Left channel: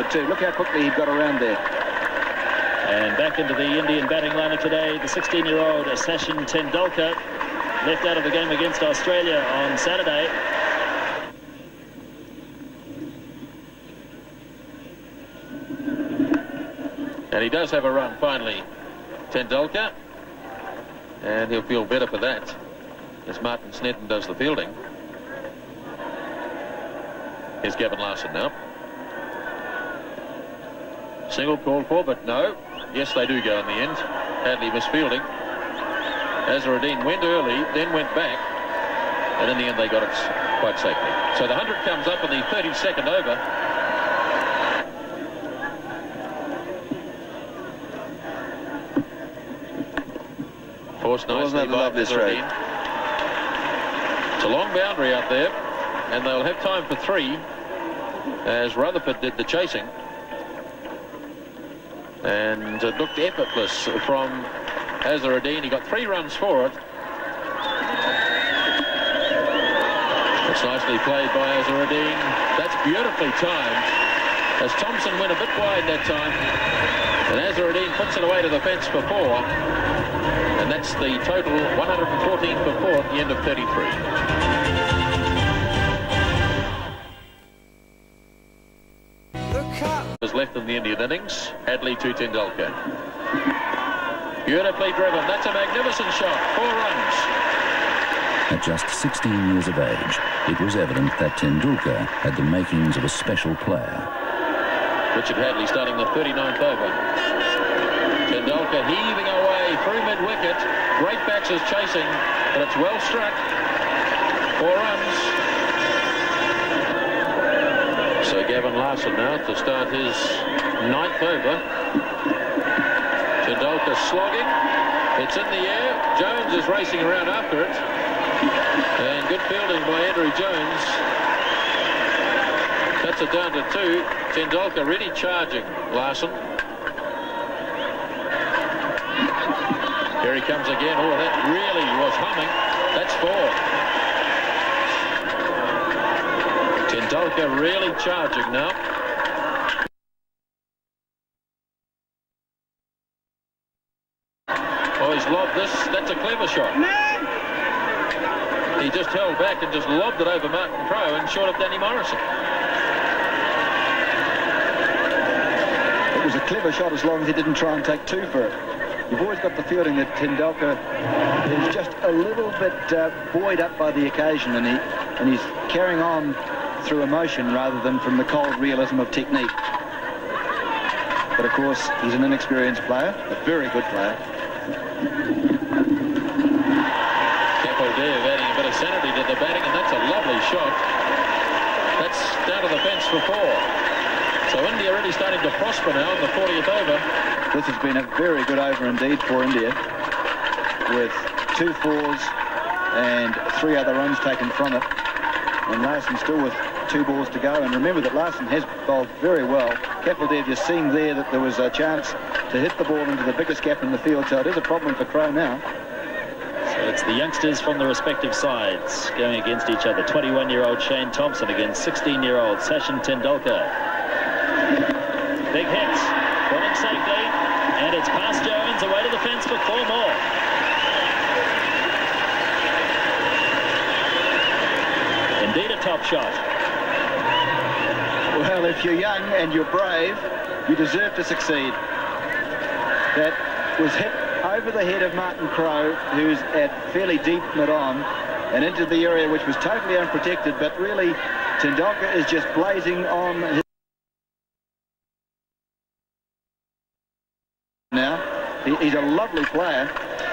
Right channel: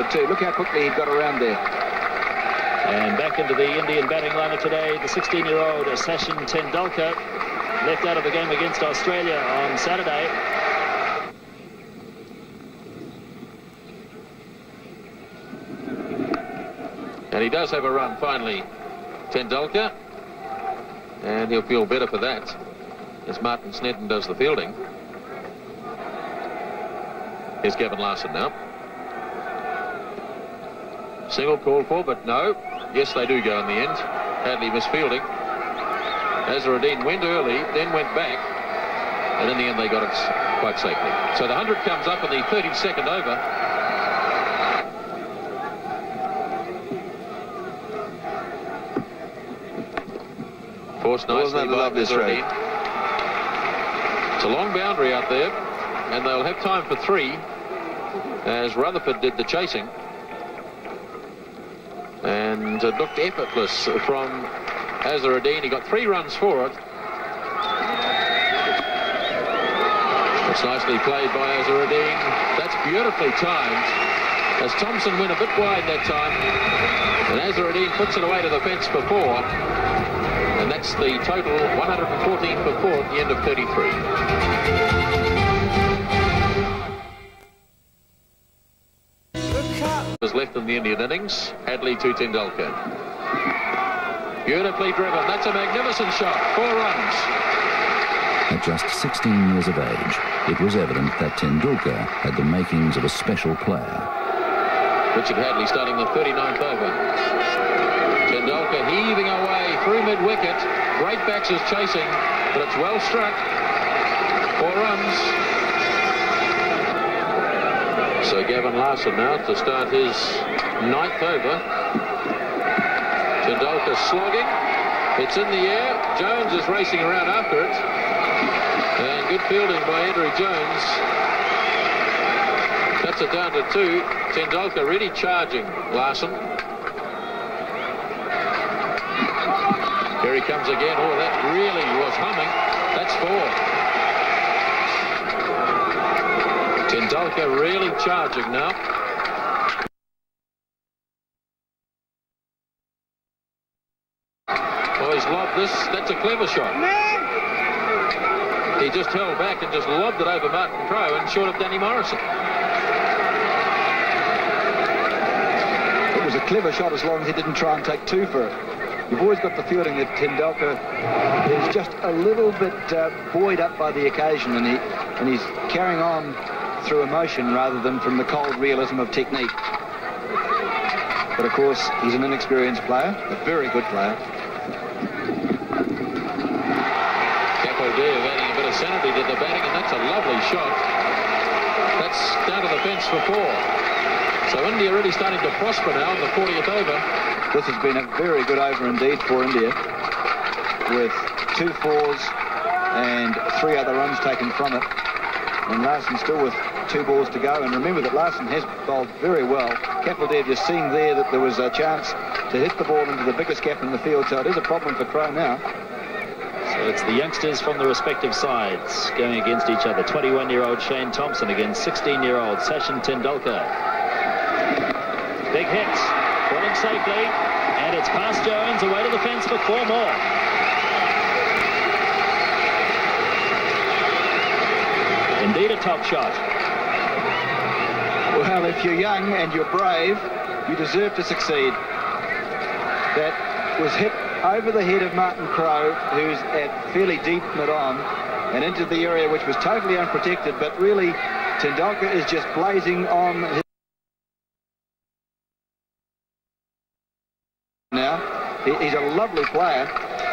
Rutherford too. Look how quickly he got around there. And back into the Indian batting lineup today, the 16-year-old Sachin Tendulkar, left out of the game against Australia on Saturday. And he does have a run finally, Tendulkar, and he'll feel better for that as Martin Snedden does the fielding. Here's Gavin Larson now. Single called for, but no. Yes, they do go in the end. Hadley misfielding. Azharuddin went early, then went back, and in the end they got it quite safely. So the 100 comes up in the 32nd over. Forced nicely by Azharuddin. It's a long boundary out there, and they'll have time for 3 as Rutherford did the chasing. And it looked effortless from Azharuddin. He got 3 runs for it. It's nicely played by Azharuddin. That's beautifully timed as Thompson went a bit wide that time. And Azharuddin puts it away to the fence for 4. And that's the total 114 for 4 at the end of 33. Was left in the Indian innings. Hadley to Tendulkar. Beautifully driven. That's a magnificent shot. 4 runs. At just 16 years of age, it was evident that Tendulkar had the makings of a special player. Richard Hadley starting the 39th over. Tendulkar heaving away through mid-wicket. Great batsers chasing, but it's well struck. 4 runs. So Gavin Larson now to start his 9th over. Tendulkar slogging. It's in the air. Jones is racing around after it. And good fielding by Andrew Jones. Cuts it down to 2. Tendulkar really charging Larson. Here he comes again. Oh, that really was humming. That's 4. Tendulkar really charging now. Oh, he's lobbed this. That's a clever shot. He just held back and just lobbed it over Martin Crowe and short of Danny Morrison. It was a clever shot as long as he didn't try and take 2 for it. You've always got the feeling that Tendulkar is just a little bit buoyed up by the occasion, and he's carrying on through emotion rather than from the cold realism of technique. But of course, he's an inexperienced player, a very good player. Kapildev adding a bit of sanity to the batting, and that's a lovely shot. That's down to the fence for 4. So India really starting to prosper now in the 40th over. This has been a very good over indeed for India, with 2 fours and 3 other runs taken from it. And Larson still with 2 balls to go. And remember that Larson has bowled very well. Kapildev just seeing there that there was a chance to hit the ball into the biggest gap in the field. So it is a problem for Crowe now. So it's the youngsters from the respective sides going against each other. 21-year-old Shane Thompson against 16-year-old Sachin Tendulkar. Big hit. Pulling safely. And it's past Jones. Away to the fence for 4 more. Indeed a top shot. Well, if you're young and you're brave, you deserve to succeed. That was hit over the head of Martin Crowe, who's at fairly deep mid-on, and into the area which was totally unprotected, but really Tendulkar is just blazing on his... Now, he's a lovely player,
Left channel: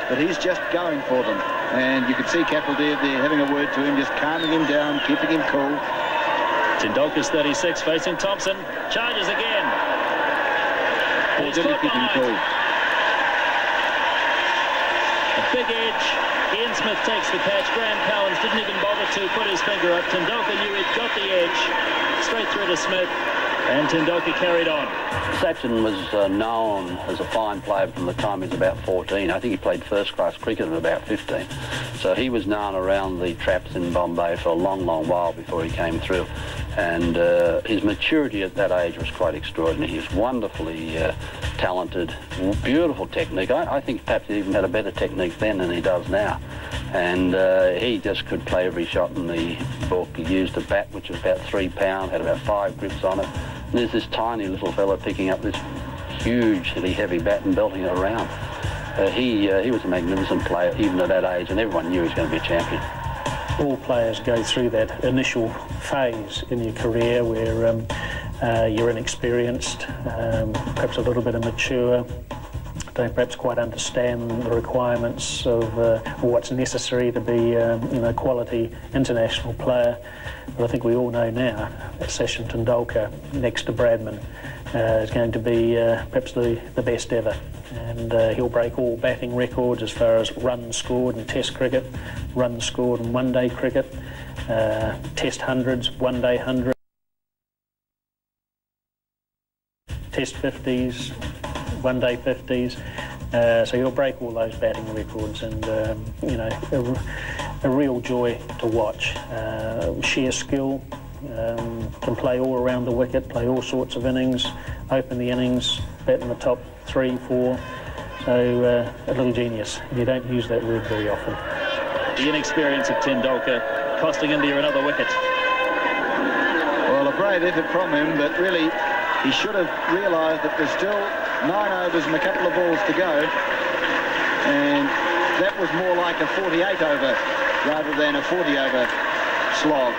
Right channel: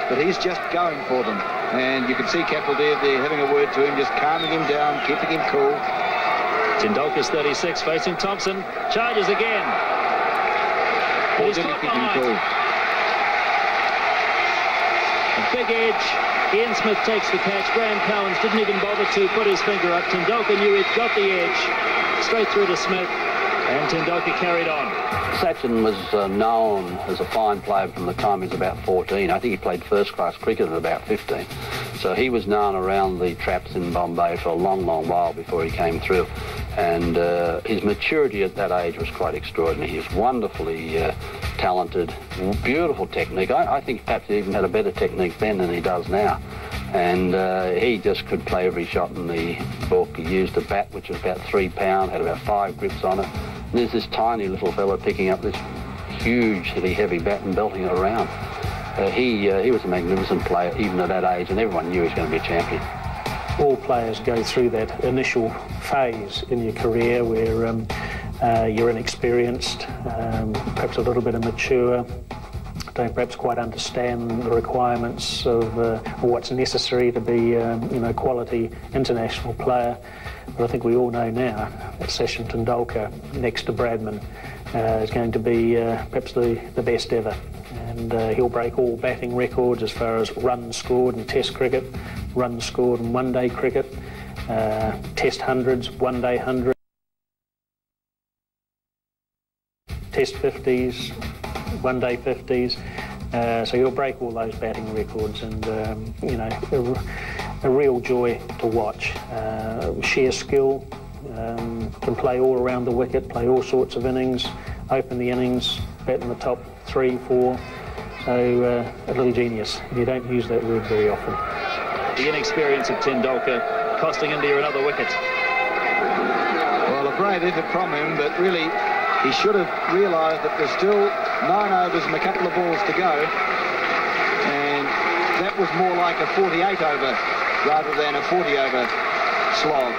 but he's just going for them. And you can see Kapildev there having a word to him, just calming him down, keeping him cool. Tendulkar's 36, facing Thompson. Charges again. Or did he keep him cool? A big edge. Ian Smith takes the catch. Graham Cowans didn't even bother to put his finger up. Tendulkar knew he'd got the edge. Straight through to Smith. And Tendulkar carried on. Sachin was known as a fine player from the time he was about 14. I think he played first-class cricket at about 15. So he was known around the traps in Bombay for a long, long while before he came through. And his maturity at that age was quite extraordinary. He was wonderfully talented, beautiful technique. I think perhaps he even had a better technique then than he does now. And he just could play every shot in the book. He used a bat which was about 3 pounds, had about 5 grips on it. And there's this tiny little fella picking up this hugely heavy bat and belting it around. He was a magnificent player even at that age, and everyone knew he was going to be a champion. All players go through that initial phase in your career where you're inexperienced, perhaps a little bit immature, don't perhaps quite understand the requirements of what's necessary to be a quality international player. But I think we all know now that Sachin Tendulkar, next to Bradman, is going to be perhaps the best ever. And he'll break all batting records as far as runs scored in Test cricket, runs scored in one-day cricket, Test hundreds, one-day hundreds, Test 50s, one-day 50s. So he'll break all those batting records, and a real joy to watch. Sheer skill, can play all around the wicket, play all sorts of innings, open the innings, bat in the top 3, 4. So a little genius. You don't use that word very often. The inexperience of Tendulkar costing India another wicket. Well, a brave effort from him, but really he should have realised that there's still 9 overs and a couple of balls to go, and that was more like a 48 over rather than a 40 over slog.